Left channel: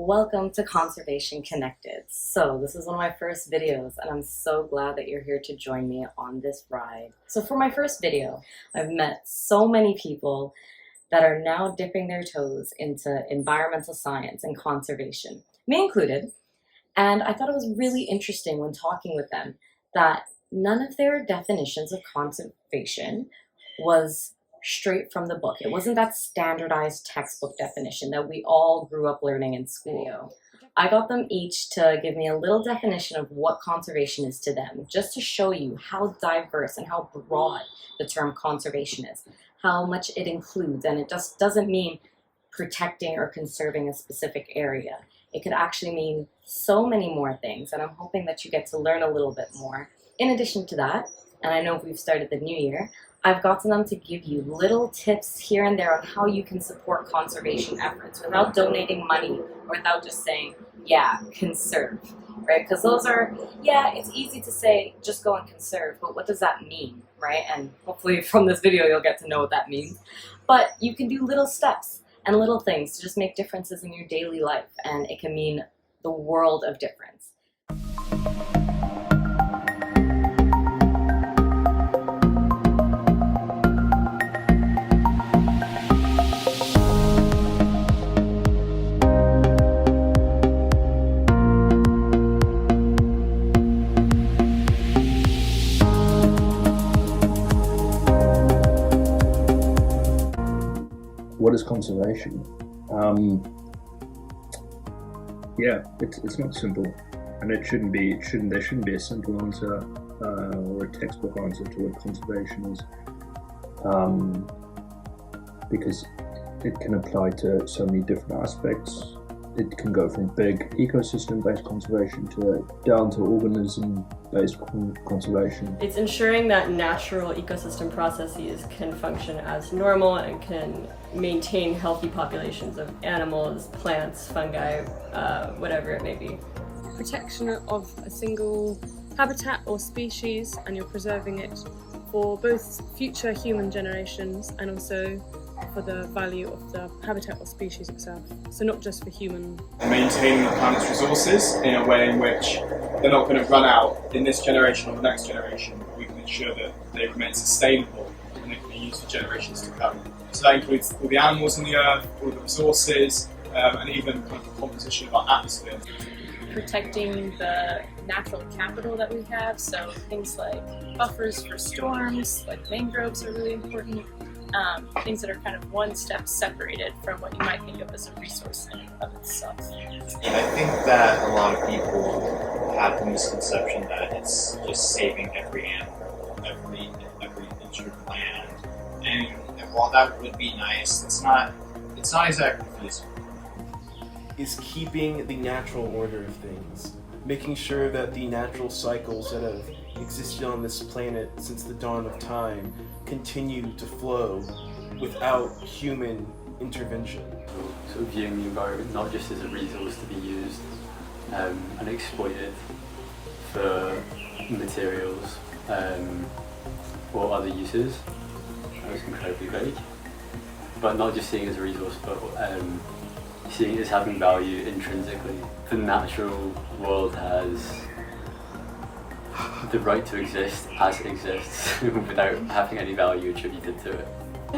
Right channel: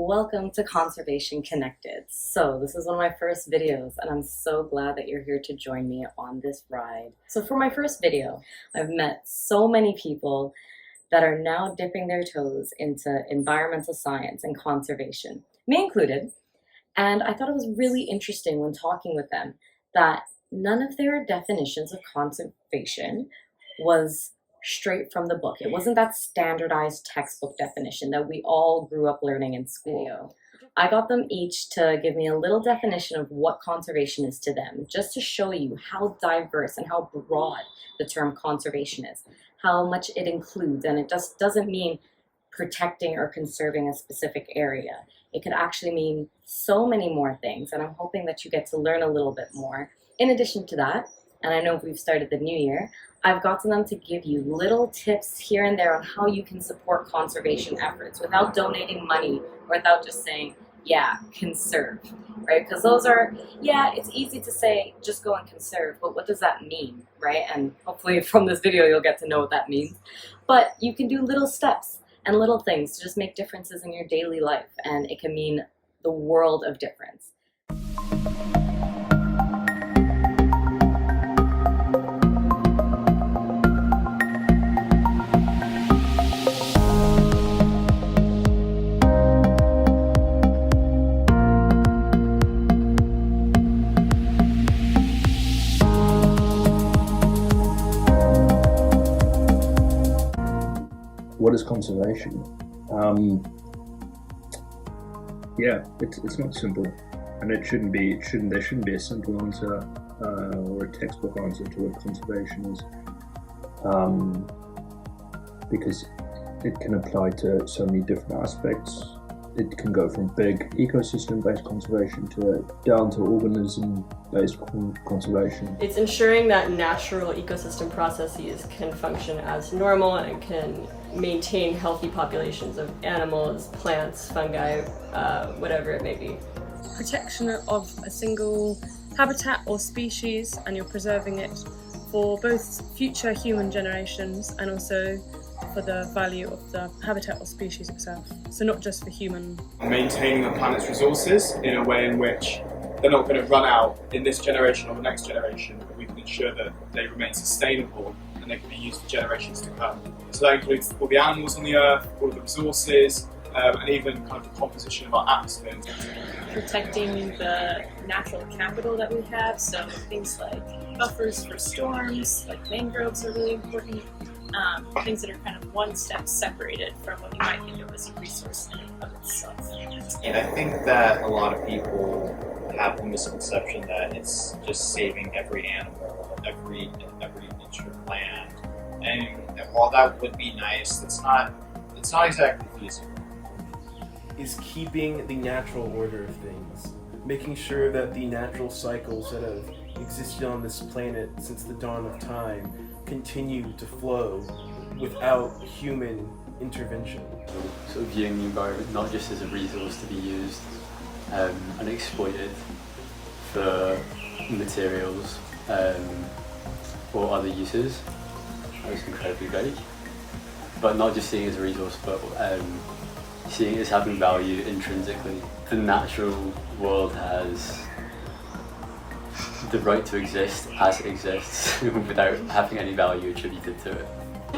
Welcome to Conservation Connected. So this is one of my first videos and I'm so glad that you're here to join me on this ride. So for my first video, I've met so many people that are now dipping their toes into environmental science and conservation, me included. And I thought it was really interesting when talking with them that none of their definitions of conservation was straight from the book. It wasn't that standardized textbook definition that we all grew up learning in school. I got them each to give me a little definition of what conservation is to them, just to show you how diverse and how broad the term conservation is, how much it includes, and it just doesn't mean protecting or conserving a specific area. It could actually mean so many more things, and I'm hoping that you get to learn a little bit more. In addition to that, and I know we've started the new year, I've gotten them to give you little tips here and there on how you can support conservation efforts without donating money or without just saying, yeah, conserve, right? Because those are, yeah, it's easy to say, just go and conserve, but what does that mean, right? And hopefully from this video, you'll get to know what that means. But you can do little steps and little things to just make differences in your daily life, and it can mean the world of difference. What is conservation? Yeah, it's not simple, and there shouldn't be a simple answer or a textbook answer to what conservation is, because it can apply to so many different aspects. It can go from big ecosystem-based conservation down to organism-based conservation. It's ensuring that natural ecosystem processes can function as normal and can maintain healthy populations of animals, plants, fungi, whatever it may be. Protection of a single habitat or species, and you're preserving it for both future human generations and also for the value of the habitat or species itself. So not just for human. Maintaining the planet's resources in a way in which they're not going to run out in this generation or the next generation, but we can ensure that they remain sustainable and they can be used for generations to come. So that includes all the animals on the earth, all the resources, and even kind of the composition of our atmosphere. Protecting the natural capital that we have, so things like buffers for storms, like mangroves are really important. Things that are kind of one step separated from what you might think of as a resource in and of itself. And I think that a lot of people have the misconception that it's just saving every animal, every inch of land. And while that would be nice, it's not exactly feasible. Is keeping the natural order of things, making sure that the natural cycles that have existed on this planet since the dawn of time continue to flow without human intervention. Sort of viewing the environment not just as a resource to be used and exploited for materials or other uses. That was incredibly vague. But not just seeing it as a resource, but seeing it as having value intrinsically. The natural world has the right to exist as it exists without having any value attributed to it.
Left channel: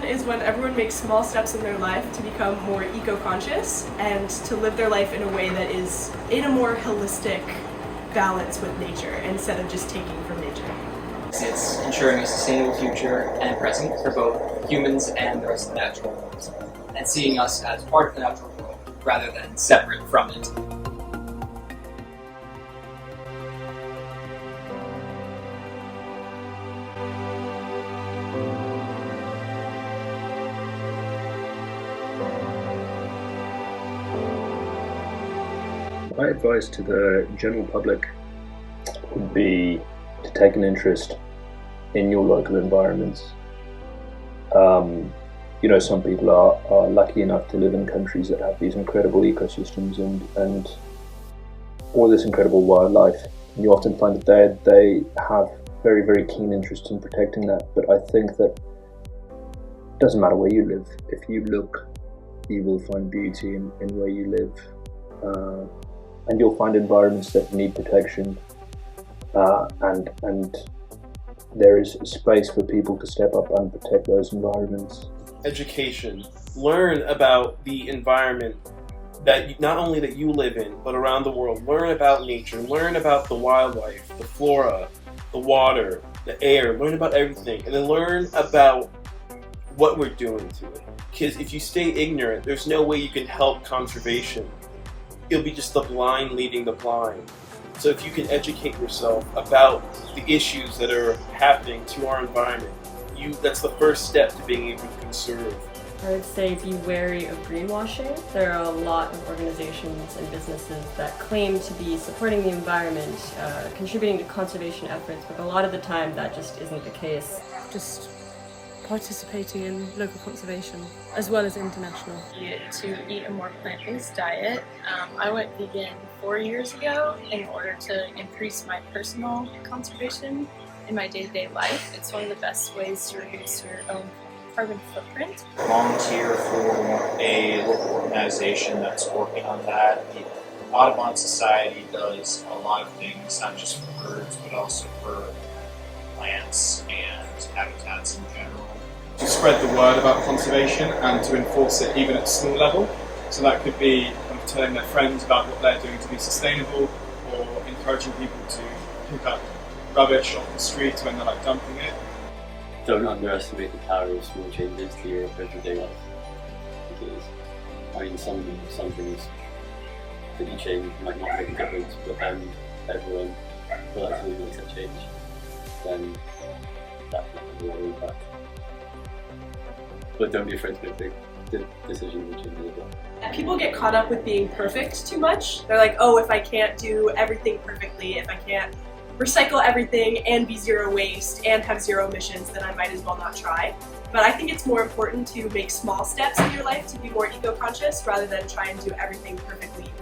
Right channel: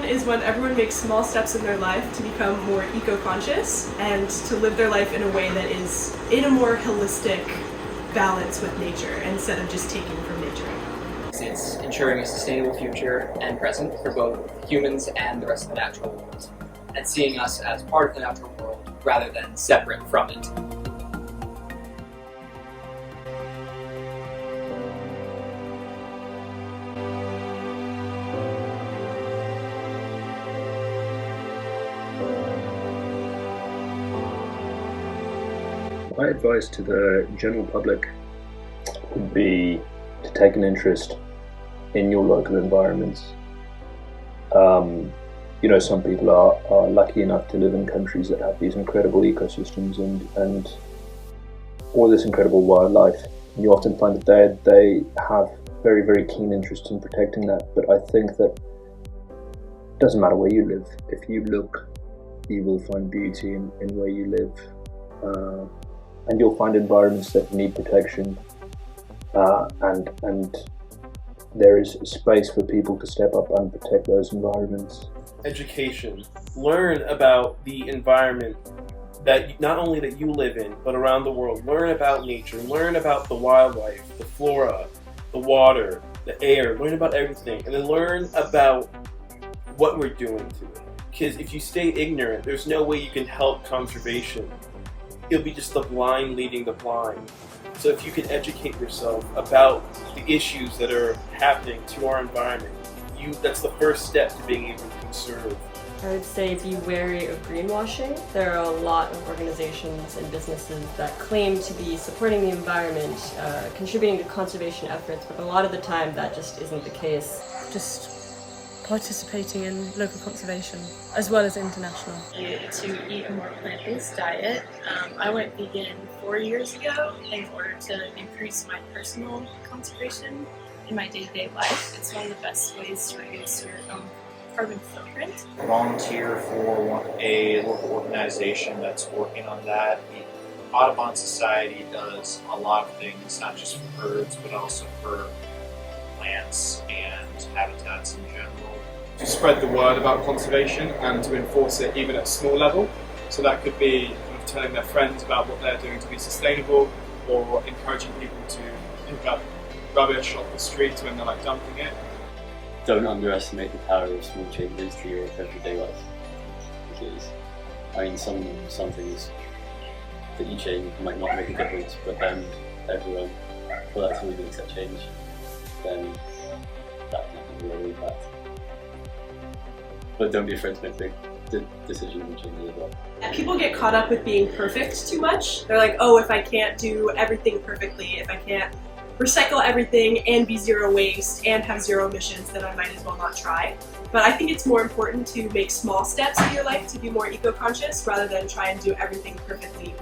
Is when everyone makes small steps in their life to become more eco-conscious and to live their life in a way that is in a more holistic balance with nature instead of just taking from nature. It's ensuring a sustainable future and present for both humans and the rest of the natural world, and seeing us as part of the natural world rather than separate from it. My advice to the general public would be to take an interest in your local environments. Some people are lucky enough to live in countries that have these incredible ecosystems and all this incredible wildlife. And you often find that they have very, very keen interest in protecting that. But I think that it doesn't matter where you live. If you look, you will find beauty in where you live. and you'll find environments that need protection, and there is space for people to step up and protect those environments. Education. Learn about the environment that not only that you live in, but around the world. Learn about nature. Learn about the wildlife, the flora, the water, the air. Learn about everything, and then learn about what we're doing to it. Because if you stay ignorant, there's no way you can help conservation. It'll be just the blind leading the blind. So if you can educate yourself about the issues that are happening to our environment, that's the first step to being able to conserve. I would say be wary of greenwashing. There are a lot of organizations and businesses that claim to be supporting the environment, contributing to conservation efforts, but a lot of the time that just isn't the case. Just participating in local conservation as well as international. To eat a more plant-based diet. I went vegan 4 years ago in order to increase my personal conservation in my day-to-day life. It's one of the best ways to reduce your own carbon footprint. Volunteer for a local organization that's working on that. The Audubon Society does a lot of things, not just for birds, but also for plants and habitats in general. To spread the word about conservation and to enforce it even at small level. So that could be kind of telling their friends about what they're doing to be sustainable, or encouraging people to pick up rubbish off the street when they're like dumping it. Don't underestimate the power of small changes to your everyday life. Because, I mean, some things that you change might not make a difference, but then everyone will actually make that change. Then that can have a real impact. But don't be afraid to make big decisions and changes as well. People get caught up with being perfect too much. They're like, oh, if I can't do everything perfectly, if I can't recycle everything and be zero waste and have zero emissions, then I might as well not try. But I think it's more important to make small steps in your life to be more eco-conscious rather than try and do everything perfectly.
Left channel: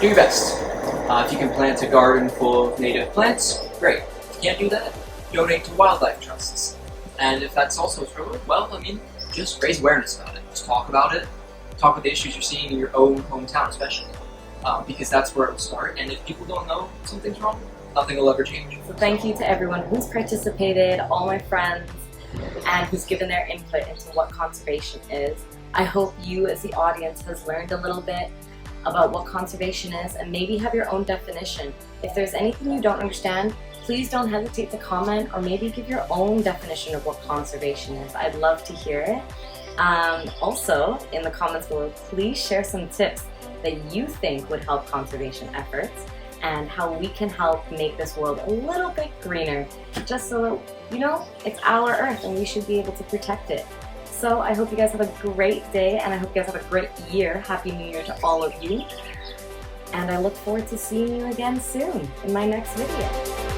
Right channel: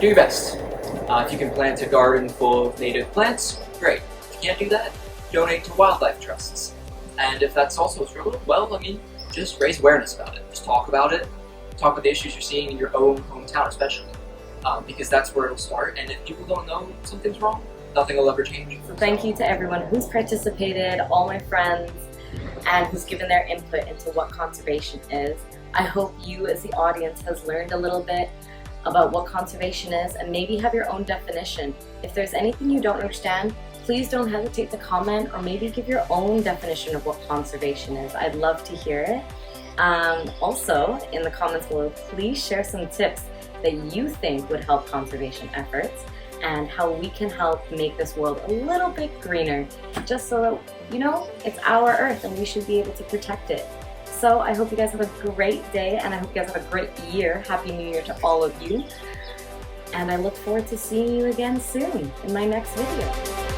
Do your best. If you can plant a garden full of native plants, great. If you can't do that, donate to wildlife trusts. And if that's also a struggle, well, I mean, just raise awareness about it. Just talk about it. Talk about the issues you're seeing in your own hometown, especially. Because that's where it'll start. And if people don't know something's wrong, nothing will ever change. So thank you to everyone who's participated, all my friends, and who's given their input into what conservation is. I hope you as the audience has learned a little bit about what conservation is and maybe have your own definition. If there's anything you don't understand, please don't hesitate to comment or maybe give your own definition of what conservation is. I'd love to hear it. Also, in the comments below, please share some tips that you think would help conservation efforts and how we can help make this world a little bit greener, just so that, you know, it's our Earth and we should be able to protect it. So I hope you guys have a great day, and I hope you guys have a great year. Happy New Year to all of you. And I look forward to seeing you again soon in my next video.